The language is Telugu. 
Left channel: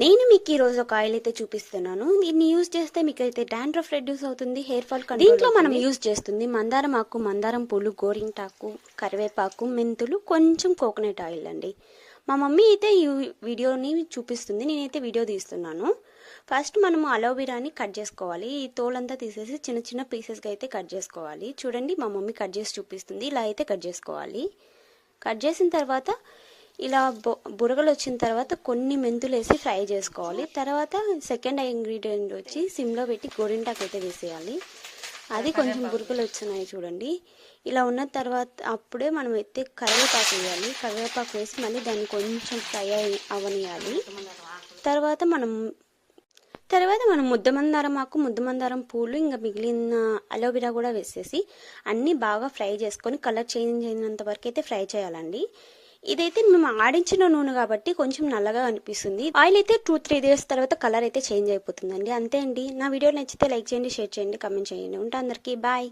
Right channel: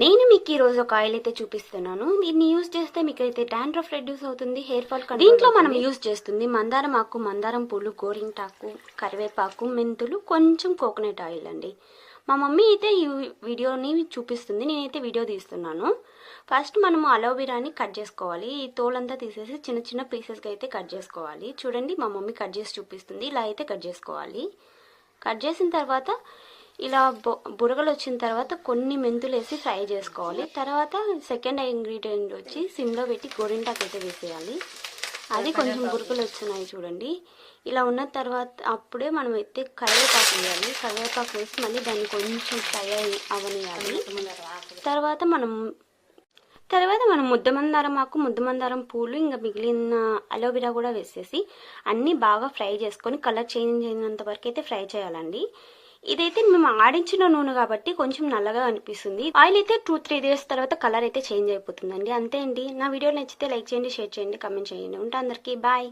నేను మీకు ఈ రోజు ఒక ఆయిల్ అయితే చూపిస్తున్నాను. దీన్ని యూజ్ చేస్తే మీకు అయితే డాండ్రఫ్ రెడ్యూస్ అవుతుంది, హెయిర్ ఫాల్ కంట్రోల్. దీంట్లో మనం యూజ్ చేస్తుంది మందారం ఆకు, మందారం పూలు, గోరింటాకు, కరివేపాకు, మెంతులు, కొంచెం కోకోనట్ ఆయిల్ అండి. మా మమ్మీ అయితే ఈ వీడియోని చూపిస్తుంది, నేనైతే వీడియో తీస్తున్నాను. ఫస్ట్ మనము అలోవెరాని కట్ చేసుకోవాలి. ఈ తోలంతా తీసేసి చిన్న చిన్న పీసెస్గా అయితే కట్ చేసుకోవాలి. చూడండి మా మమ్మీ కట్ చేసి చూపిస్తుంది. ఇలా అయితే కట్ చేసుకోవాలి. కట్ చేసిన తర్వాత ఇలా బురగలు వచ్చిన తర్వాత కొన్ని మెంతులు వేసి ఫ్రై చేసుకోవాలి. తర్వాత సెకండ్ ఇంగ్రీడియంట్ వచ్చి సిమ్లో పెట్టి గోరింటాకు అయితే వేసేయాలి. అది కొంచెం బురగలు వచ్చినాయి చూడండి. ఇలా ఉన్న తర్వాత అప్పుడే మనం అయితే కరివేపాకు వేయాలి. కరివేపాకు వేసి మళ్ళీ దాన్ని కొంచెం ఫ్రై అవనియాలి. తర్వాత మనం ముద్దమందారం ఆకు, ముద్దమందారం పూలు, ఇంకా మిగిలిన అలోవెరా కూడా వేసేసి అన్నీ బాగా ఫ్రై చేసుకొని కలర్ చేంజ్ అయినంత వరకు అయితే ఫ్రై చేయాలండి. ఇదైతే మేము ఆడించిన నూనె కాబట్టి కొంచెం నల్లగా అనిపిస్తుంది. ఆయిల్ అయితే 2-3 డేస్ తర్వాత కలర్ అయితే చేంజ్ అయిపోతుందండి. అంతే అండి. నా వీడియో నచ్చితే లైక్ చేయండి, షేర్ చేయండి, కామెంట్ చేయండి. ఉంటా అందరికీ బాయ్.